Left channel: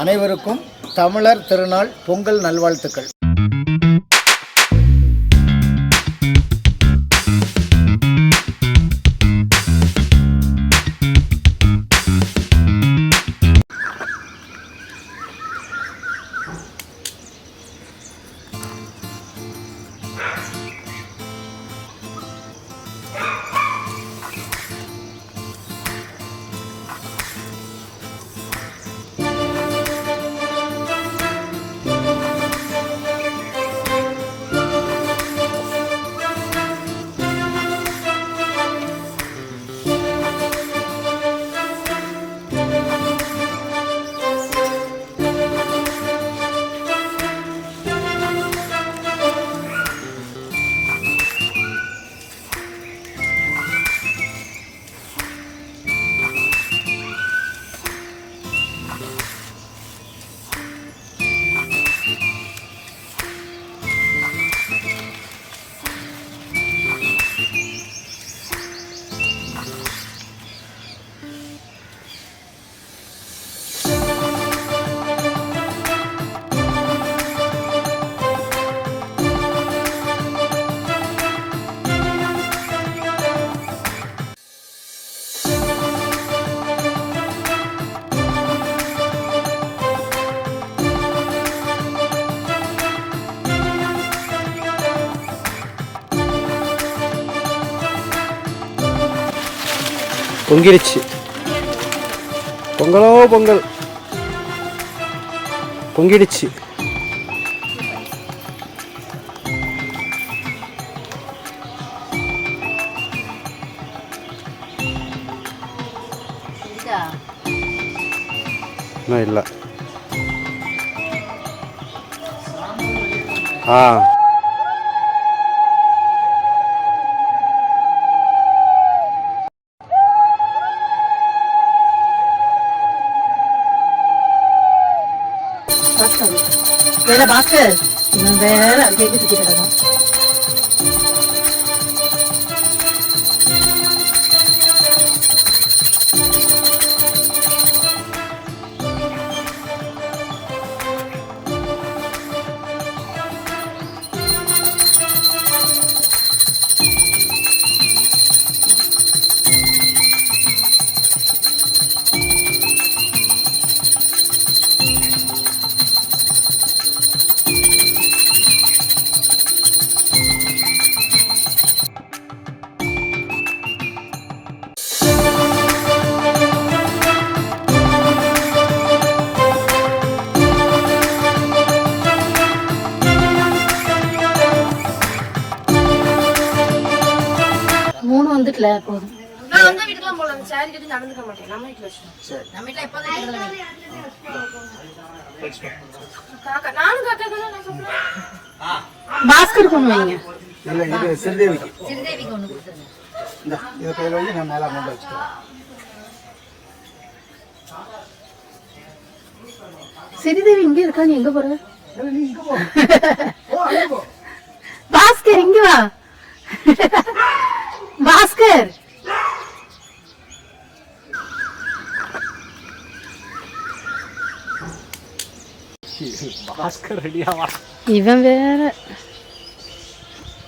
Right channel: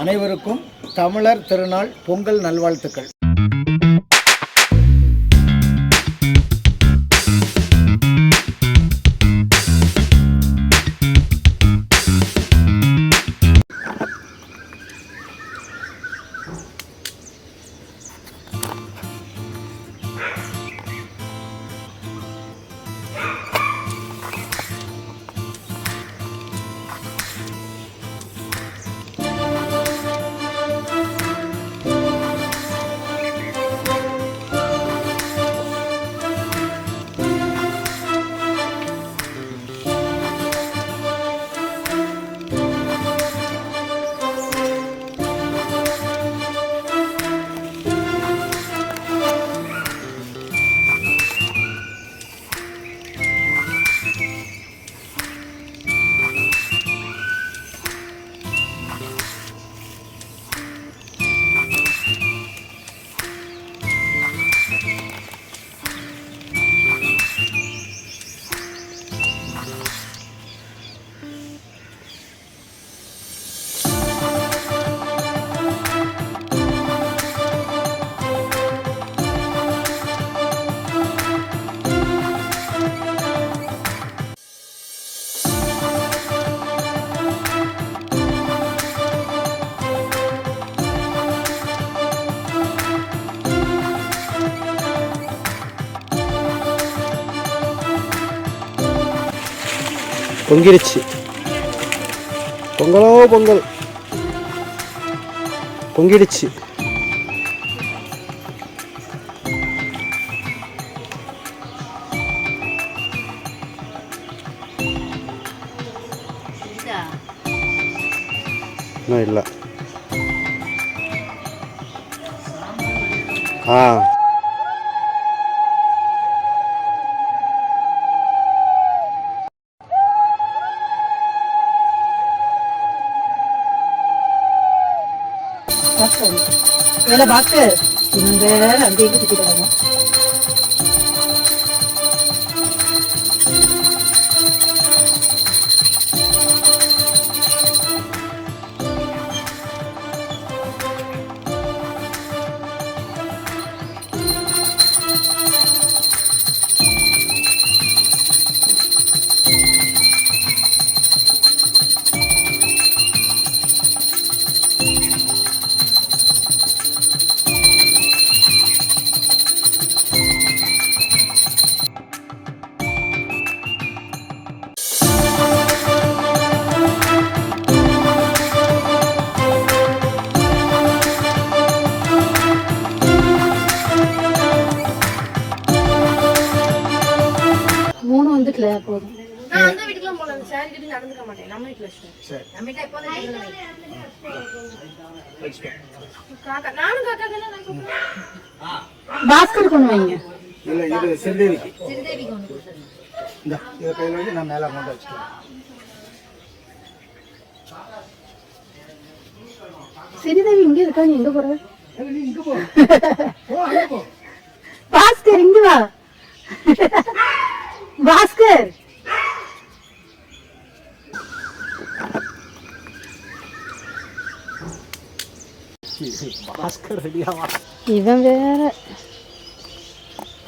அனைவருக்கும் தமிழர் திருநாள் பொங்கல் நல்வாழ்த்துக்கள். பொங்கிடுச்சு. பொங்கலோ பொங்கல் பொங்கிடுச்சு. இன்னும் இல்லை. ஏன்னா பாஸ்கர் வேற அங்கே சுத்திக்கிறாங்க. மூணு வந்துட்டல போதும். நான் அந்த வீட்டுக்குலாம் போலாம். அந்த சாரி கட்டி நடந்துக்க மாட்டேன். நம்ம வீட்ல வச்சேன். சரி. நம்ம வீட்ல எப்போதும் இருக்கணும். காக்கா நானும் காக்கா தான நான் சொல்றேன். பாஸ்கர் கொண்டு வைங்க. இல்ல இது சிறுதேவிக்கு. சிறுதேவிக்கு ஒன்னு கொடுத்துருங்க. இந்த இத கையில வந்து நான் மேல கொண்டு வச்சிட்டேன். சிறுதேவி இங்க இருக்காங்க. எங்க போற? நீ இங்க போ. போ. பாஸ்கர் இங்க வா. பாஸ்கர் பாஸ்கர் ரெடியாவா? இவன் வேற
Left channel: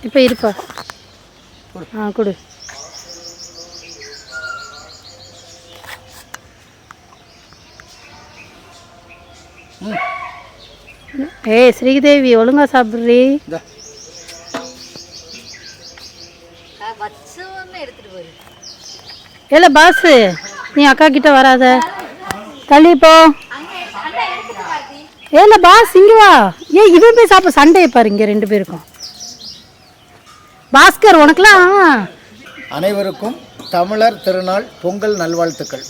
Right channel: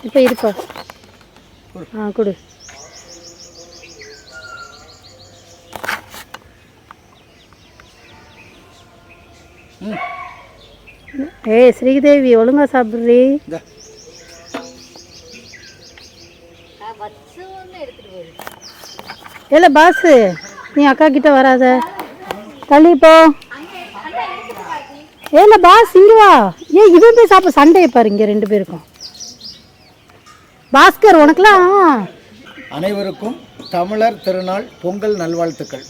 இப்ப இருப்பா. கொடு. ஏய் ஸ்ரீதேவி ஒழுங்கா சாப்பிடுறீ. ஏல பாஸ் நீ அக்கா கிட்ட வராத, தள்ளி போ. ஏல பாஸ் இங்க வா. இவன் போய் சாப்பிட சண்டையை பாரு இங்க ரெண்டு பேருக்கும். பாஸ்கர் உனக்குலாம் அனைவருக்கும் தமிழர் திருநாள் பொங்கல் நல்வாழ்த்துக்கள்.